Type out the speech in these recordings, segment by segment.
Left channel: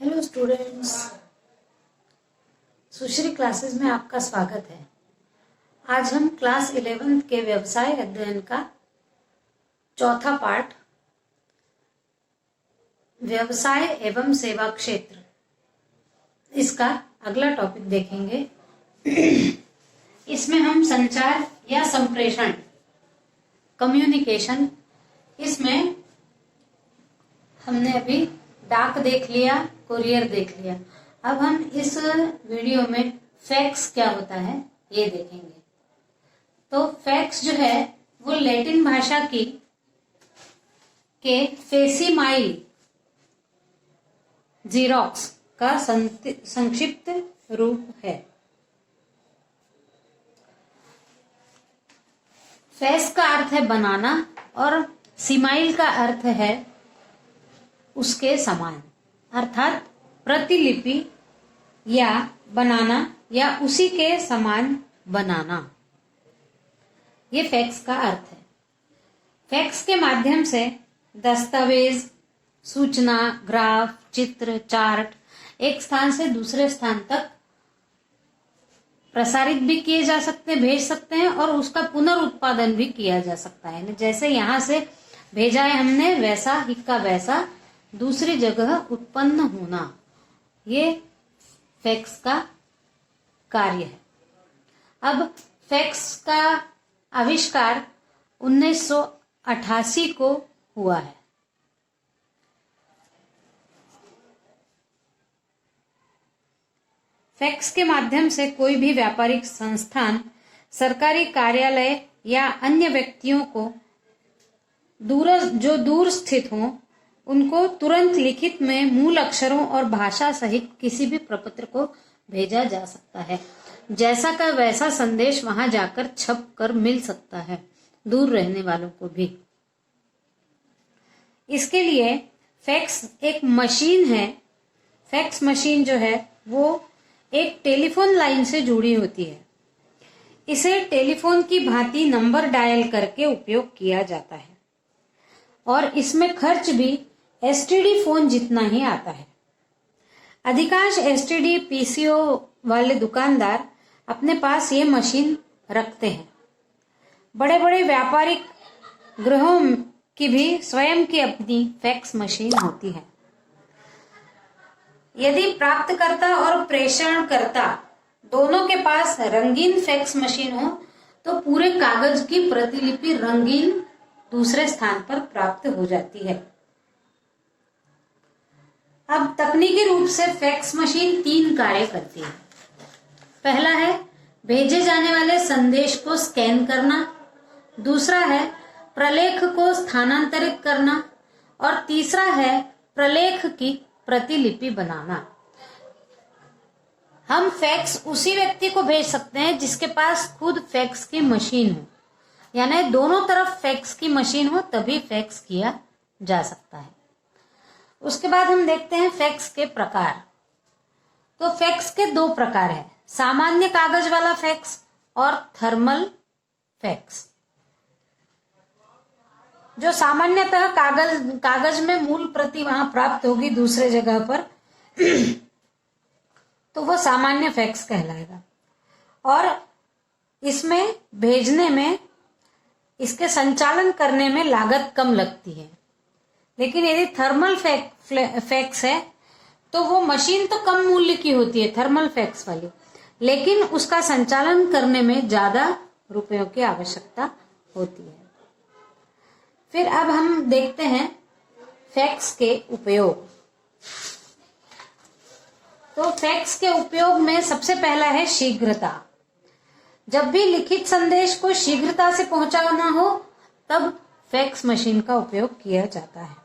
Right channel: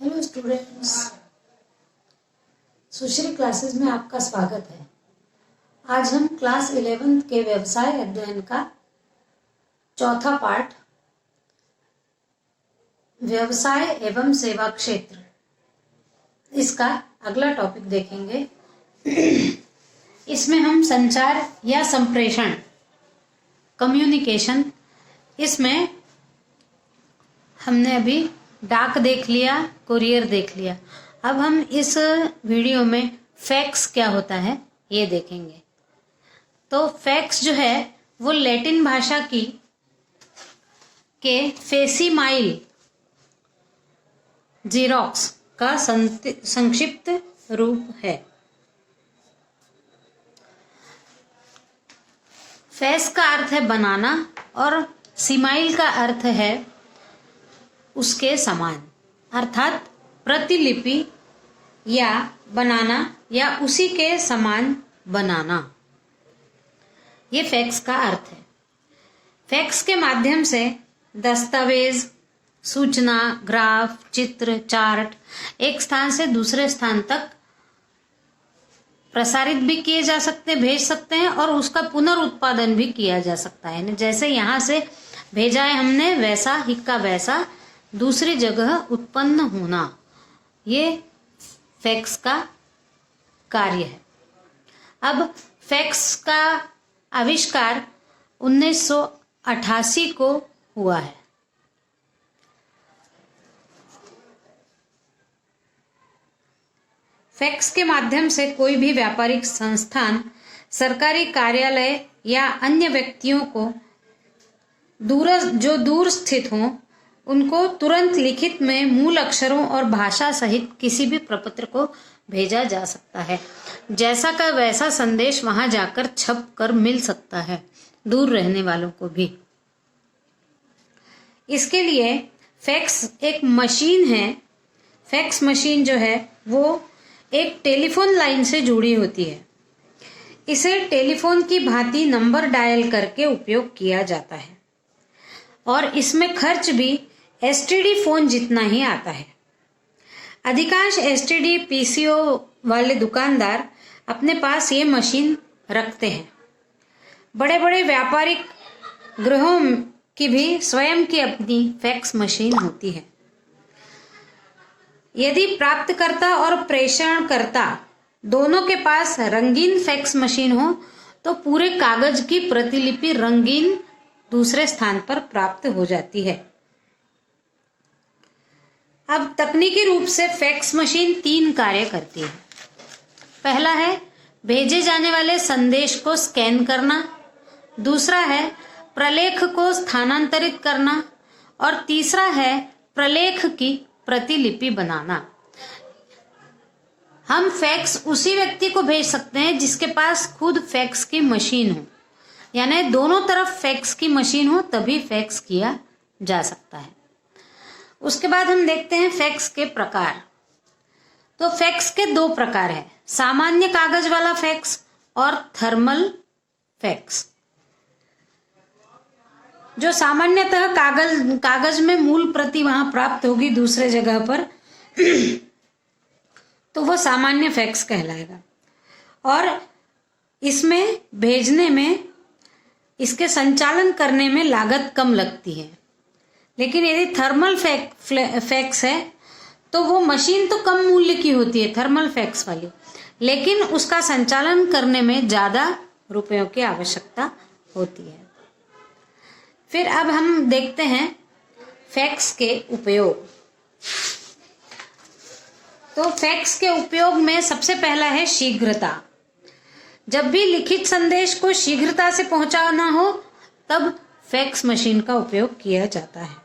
Hello students, सुश्री classes में आपका स्वागत है। आज हम क्लास 11th के व्यवसाय अध्ययन का चौथा पार्ट व्यवसाय एवं सेवा क्षेत्र, इसका अगला टॉपिक देखेंगे। इसमें हम संचार या संप्रेषण, कम्युनिकेशन, इसमें हमने अभी डाक देख लिया, कुरियर देख लिया। अब हम इस वीडियो में फैक्स क्या होता है ये देखेंगे। तो फैक्स जो है वो लैटिन भाषा की के फेसिमाइल जीरोक्स का संक्षिप्त रूप है। फैक्स का अर्थ है बनाना और सिमाइल का अर्थ है उसके समान, अर्थात प्रतिलिपि या बनाना या उसी के समान बनाना, ये फैक्स का अर्थ है। फैक्स के माध्यम से दस्तावेज, सूचना, ग्राफ, चित्र, चार्ट एक स्थान से दूसरे स्थान तक प्रसारित भी किए जा सकते हैं, भेज सकते हैं, और उसका पुनर्उत्पादन भी किया जा सकता है। जैसे यहाँ से भेजा है हमने, वैसा ही का वैसा दूसरी जगह उत्पन्न होना, ये फैक्स का कार्य है। अब फैक्स का आविष्कार 1988 को हुआ है। फैक्स के माध्यम से कोई भी व्यापारिक संस्थान, सरकारी कार्यालय या अन्य व्यक्तियों को जो दूर स्थित हों, उनको तुरंत लिखित में मूल अक्षरों और भाषा सहित किसी भी प्रपत्र को भेजा जा सकता है। जैसा का वैसा संदेश वहां जाकर छप कर मिल सकता है, दूर रहने वालों को भी। इसके लिए फैक्स एक मशीन है। फैक्स मशीन जो है वो एक टेलीफोन लाइन से जुड़ी होती है। इसे टेलीफोन की भांति नंबर डायल करके उपयोग किया जाता है और इसमें खर्च भी एसटीडी फोन जितना ही आता है। अधिकांश एसटीडी पीसीओ वाले दुकानदार अपने पास ये मशीन रखते हैं। बड़े बड़े व्यापारिक गृहों की भी स्वयं की अपनी फैक्स मशीन होती है। यदि प्राप्तकर्ता और प्रेषणकर्ता दोनों के पास रंगीन फैक्स मशीन हो तो पूरे कागज की प्रतिलिपि रंगीन दूसरे स्थान पर प्राप्त हो जाती है। अब तकनीकी रूप से फैक्स मशीन 3 कार्य करती है। पहला है भेजे जाने वाले संदेश को स्कैन करना, दूसरा है प्रलेख को स्थानांतरित करना, और तीसरा है प्रलेख की प्रतिलिपि बनाना। हम फैक्स उसी व्यक्ति को भेज सकते हैं जिसके पास खुद फैक्स की मशीन हो, यानी दोनों तरफ फैक्स की मशीन हो, तभी फैक्स किया जा सकता है। उसके बाद हम देखते हैं फैक्स के प्रकार। तो फैक्स के 2 प्रकार हैं, सामान्य कागज वाला फैक्स और थर्मल फैक्स। जो सामान्यतः कागज में मूल प्रति वहां प्राप्त होगी दूसरे जगह पर तो वो सामान्य फैक्स कहलाएगा, और इसमें भेजने में, इसके संचालन करने में लागत कम लगती है। लेकिन यदि थर्मल फैक्स है तो वो मशीन तो कम मूल्य की होती है, थर्मल फैक्स वाली, लेकिन उसका संचालन करने में ज्यादा रुपयों की आवश्यकता होती है। फिर अब हम देखते हैं फैक्स के उपयोग। तो फैक्स के उपयोग में सबसे पहला है शीघ्रता। जब भी लिखित संदेश को शीघ्रता से पहुंचाना हो तब फैक्स मशीन का उपयोग किया जाता है।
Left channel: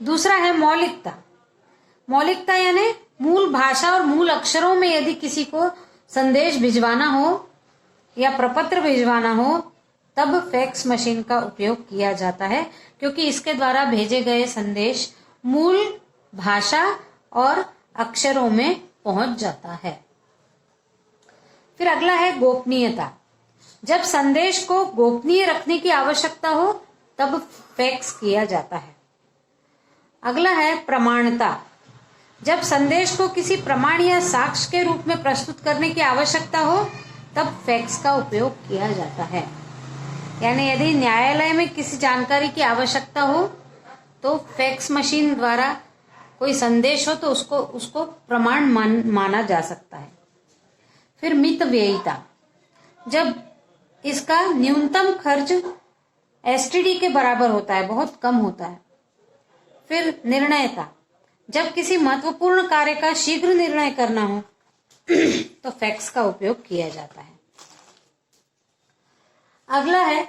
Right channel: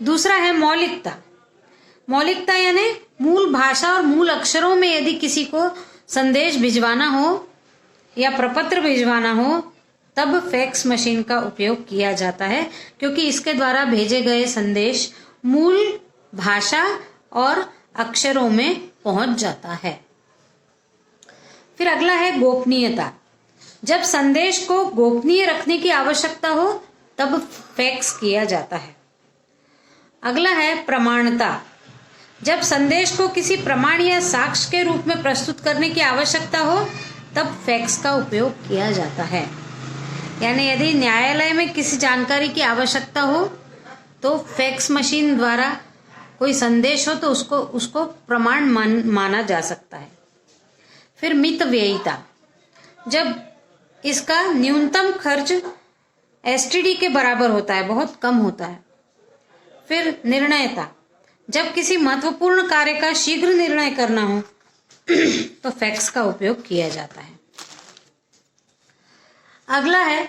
दूसरा है मौलिकता। मौलिकता यानी मूल भाषा और मूल अक्षरों में यदि किसी को संदेश भिजवाना हो या प्रपत्र भिजवाना हो तब फैक्स मशीन का उपयोग किया जाता है, क्योंकि इसके द्वारा भेजे गए संदेश मूल भाषा और अक्षरों में पहुंच जाता है। फिर अगला है गोपनीयता। जब संदेश को गोपनीय रखने की आवश्यकता हो तब फैक्स किया जाता है। अगला है प्रमाणता। जब संदेश को किसी प्रमाण या साक्ष्य के रूप में प्रस्तुत करने की आवश्यकता हो तब फैक्स का उपयोग किया जाता है। यानी यदि न्यायालय में किसी जानकारी की आवश्यकता हो तो फैक्स मशीन द्वारा कोई संदेश हो तो उसको प्रमाण माना जा सकता है। फिर मितव्ययिता, जब इसका न्यूनतम खर्च एसटीडी के बराबर होता है, बहुत कम होता है। फिर निर्णयता, जब किसी महत्वपूर्ण कार्य का शीघ्र निर्णय करना हो तो फैक्स का उपयोग किया जाता है। अगला है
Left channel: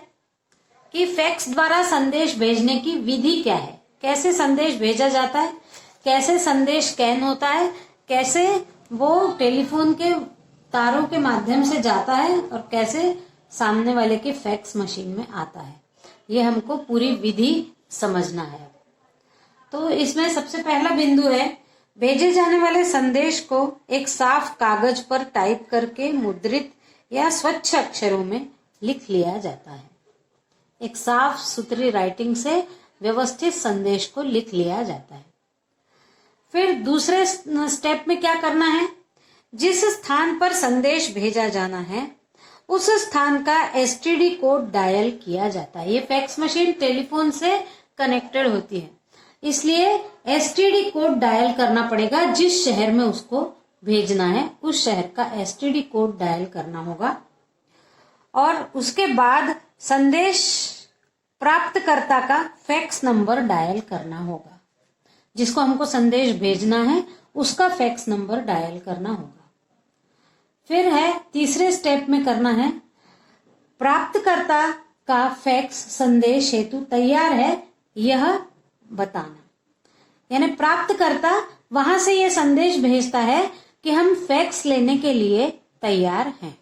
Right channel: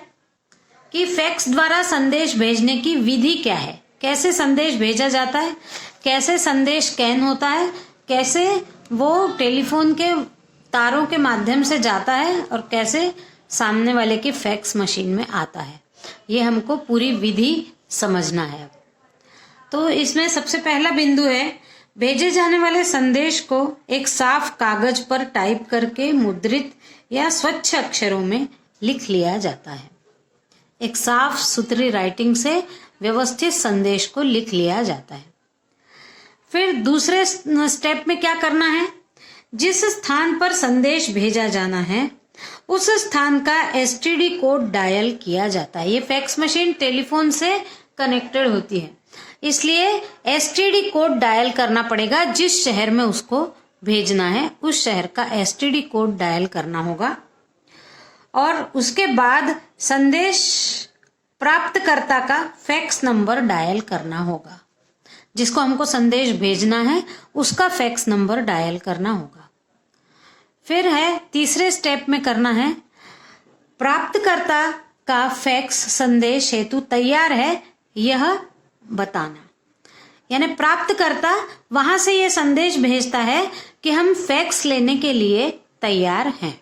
कि फैक्स द्वारा संदेश भेजने की विधि क्या है, कैसे संदेश भेजा जाता है, कैसे संदेश स्कैन होता है, कैसे वो टेलीफोन के तारों के माध्यम से जाता है और कैसे सामने वाले की फैक्स मशीन में आता है। ये हमको पूरी विधि समझना है। तो इसमें सबसे पहला बिंदु है, भेजे जाने वाले संदेश को एक साफ कागज पर टाइप करके मुद्रित या स्वच्छ अक्षरों में लिख लिया जाता है। एक साफ सुथरी राइटिंग से व्यवस्थित संदेश को लिख लिया जाता है। फिर दूसरे स्टेप में क्या करना है, जिस स्थान पर संदेश भेजा जाना है उस स्थान का एसटीडी कोड डायल किया जाता है। ये फैक्स मशीन टेलीफोन से कनेक्टेड होती है, इसलिए एसटीडी कोड डायल करना पड़ेगा। जिस शहर में उसको भेजना है उस शहर का एसटीडी कोड डायल करना होगा और उसके बाद संदेश प्राप्तकर्ता का फैक्स नंबर डायल करना होगा। जिसको हमको संदेश भेजना है उसका फैक्स नंबर डायल करना होगा। फिर है तीसरे स्टेप में करना है, प्राप्तकर्ता का फैक्स संदेश हेतु तैयार है यह बताना। यानी प्राप्तकर्ता वहां से यह संदेश भेजता है कि हम फैक्स लेने के लिए तैयार हैं।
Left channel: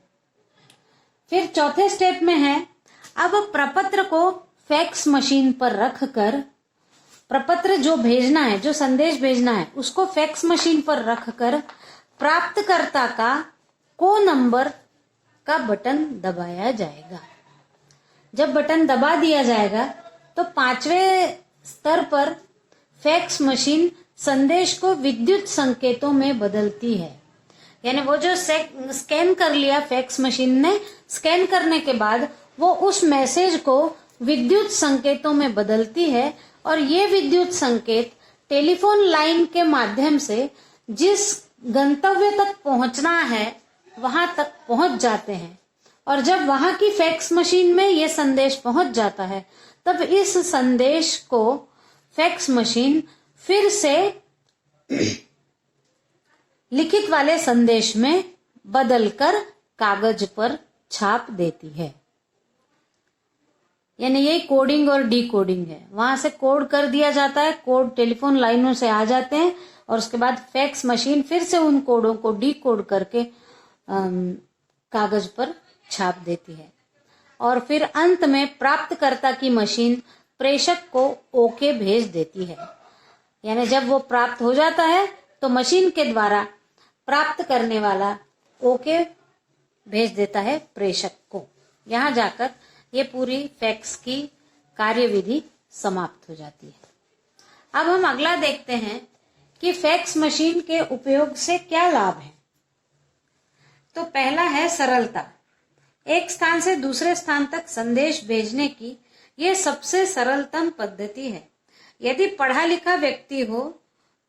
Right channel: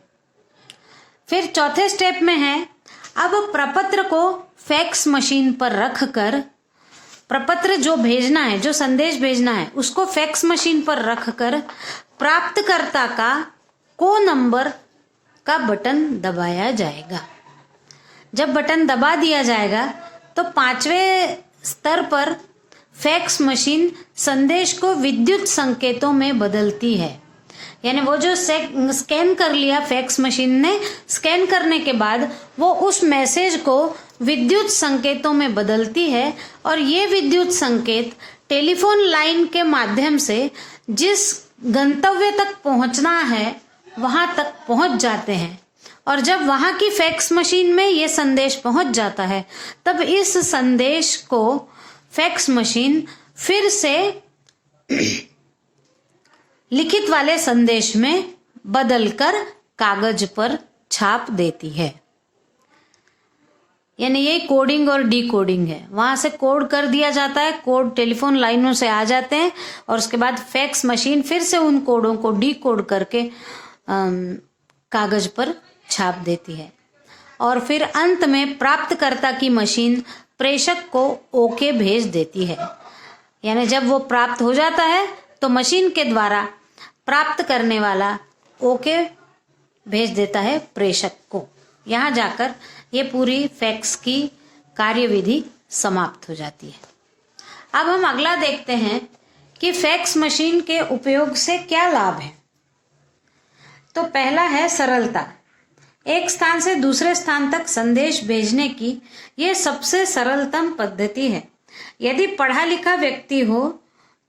फिर चौथे स्टेप में है, अब प्रपत्र को फैक्स मशीन पर रखकर प्रपत्र जो भेजना है, जो संदेश भेजना है उसको फैक्स मशीन पर रखकर प्राप्तकर्ता का को नंबर का बटन दबाया जाएगा। जब बटन दबा दिया जाएगा तो 5वें स्तर पर फैक्स मशीन संदेश को विद्युत संकेतों में बदलती है। यानी वो जो स्कैन कर लिया फैक्स मशीन ने, स्कैन करने के बाद वो उस मैसेज को विद्युत संकेतों में बदलती है और ये विद्युत संकेत टेलीफोन लाइन के माध्यम से जिस गंतव्य तक पहुंचना है वहां तक पहुंच जाते हैं। और जब वहां की फैक्स मशीन में ये संदेश पहुंच जाता है तब इस संदेश को फैक्स मशीन फिर से लिखित वाले संदेश में बदलकर कागज पर छाप देती है। यानी ये कोडिंग और डीकोडिंग है। वहां से कोड कर दिया जाता है, कोड टेलीफोन लाइनों से आ जाते हैं और उसके बाद फैक्स मशीन फिर से उन कोडों को डीकोड करके कागज पर छाप देती है। और फिर अंत में प्राप्तकर्ता की मशीन प्रेषक को ओके भेज देती है। यानी जब वो प्राप्त हो जाता है तो मशीन के द्वारा प्राप्त करने वाला ओके भेज देता है प्रेषक को। यहाँ जाकर ये पूरी फैक्स की कार्यविधि समाप्त हो जाती है। अब हम अगला देखते हैं कि फैक्स मशीन के उपयोग से क्या लाभ है। तो पहला है सरलता। एक स्थान से दूसरे स्थान तक संदेश भेजने की यह सबसे सरलतम पद्धति है। यदि पढ़ा लिखा व्यक्ति हो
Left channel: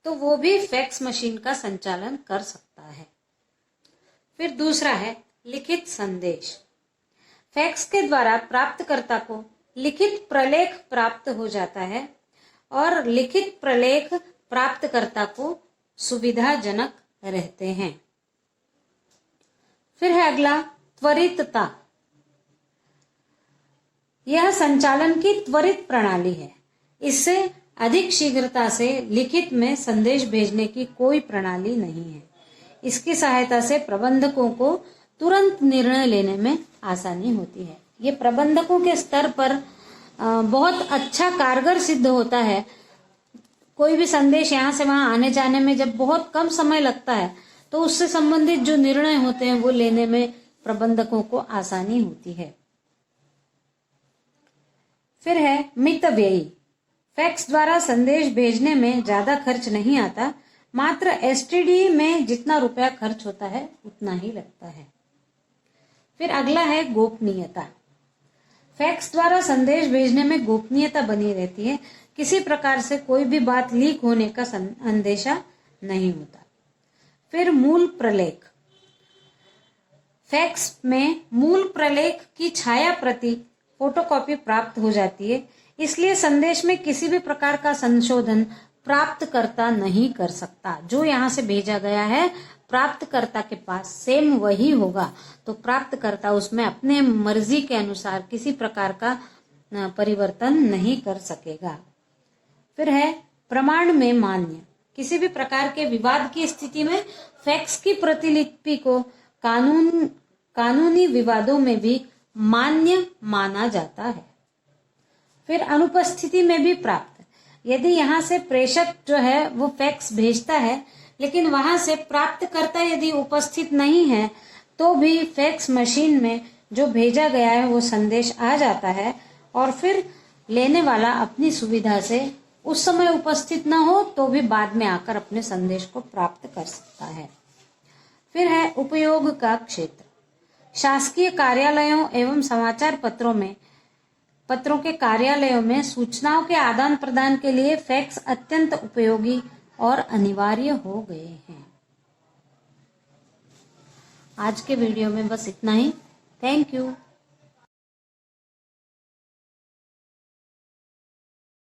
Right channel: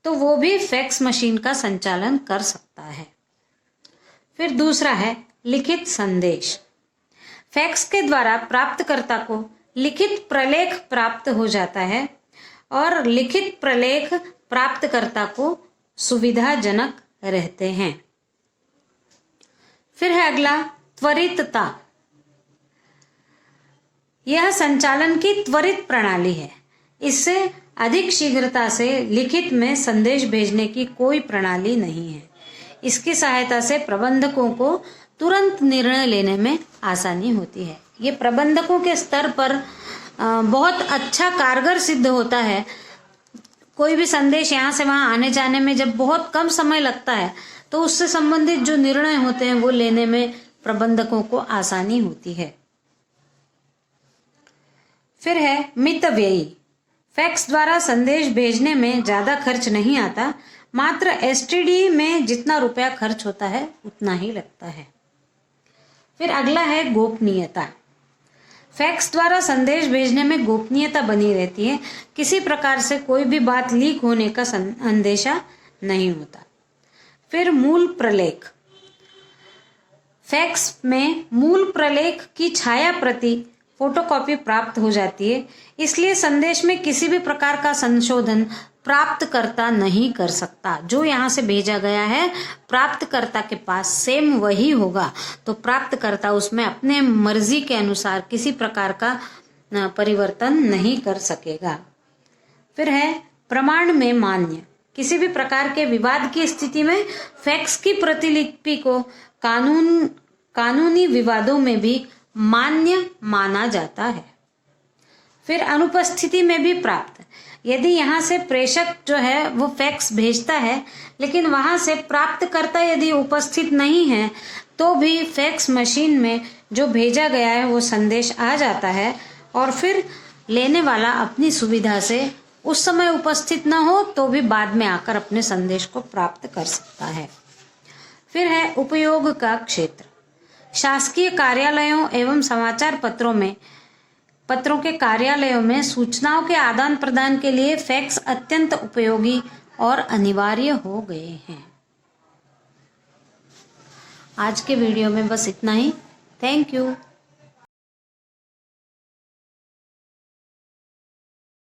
तो वो भी फैक्स मशीन का संचालन कर सकता है। फिर दूसरा है लिखित संदेश। फैक्स के द्वारा प्राप्तकर्ता को लिखित प्रलेख प्राप्त हो जाता है और लिखित प्रलेख प्राप्तकर्ता को सुविधाजनक रहते हैं। फिर है अगला त्वरितता। यह संचालन की त्वरित प्रणाली है। इससे अधिक शीघ्रता से लिखित में संदेश भेजने की कोई प्रणाली नहीं है। इसकी सहायता से प्रबंधकों को तुरंत निर्णय लेने में आसानी होती है। ये प्रबंधकों के स्तर पर बहुत अच्छा कारगर सिद्ध होता है। कोई भी संदेश यहाँ से वहां आने जाने में जब बहुत कम समय लगता है तो उससे संबंधित जो निर्णय होते हैं वो लेने में प्रबंधकों को आसानी होती है। फिर है मितव्ययी। फैक्स द्वारा संदेश भेजने में ज्यादा खर्च नहीं आता, मात्र एसटीडी में जितना रुपया खर्च होता है उतना ही लगता है। फिर अगला है गोपनीयता। फैक्स द्वारा संदेश भेजने में गोपनीयता बनी रहती है। किसी प्रकार से कोई भी बात लीक होने का अंदेशा नहीं होता। फिर मूल प्रलेख। फैक्स में मूल प्रलेख की छाया प्रति फोटोकॉपी प्राप्त हो जाती है, इसलिए संदेश में किसी भी प्रकार का संशोधन प्राप्तकर्ता नहीं कर सकता। जो यहाँ से भेजा गया है प्राप्तकर्ता के पास सेम वही होगा, तो प्राप्तकर्ता उसमें अपने मर्जी के अनुसार किसी प्रकार का परिवर्तन नहीं कर सकेगा। फिर है प्रमाण में मान्य। किसी भी प्रकार के विवाद की स्थिति में फैक्स की प्रतिलिपि को कानूनी विवादों में भी मान्य माना जाता है। फिर अनुपस्थिति में भी प्राप्त। यदि यहाँ से प्रेषक जो है वो फैक्स भेजता है, लेकिन वहां से प्राप्तकर्ता यदि उपस्थित नहीं है, तो भी फैक्स मशीन में जो भेजा गया है वो संदेश आ जाता है, और फिर लेने वाला अपनी सुविधा से उस समय उपस्थित न हो तो भी बाद में आकर अपने संदेश को प्राप्त कर सकता है। फिर है उपयोग का क्षेत्र। शासकीय कार्यालयों एवं समाचार पत्रों के कार्यालयों में सूचनाओं के आदान प्रदान के लिए फैक्स अत्यंत उपयोगी और अनिवार्य हो गए हैं। आज के वीडियो में बस इतना ही। Thank you.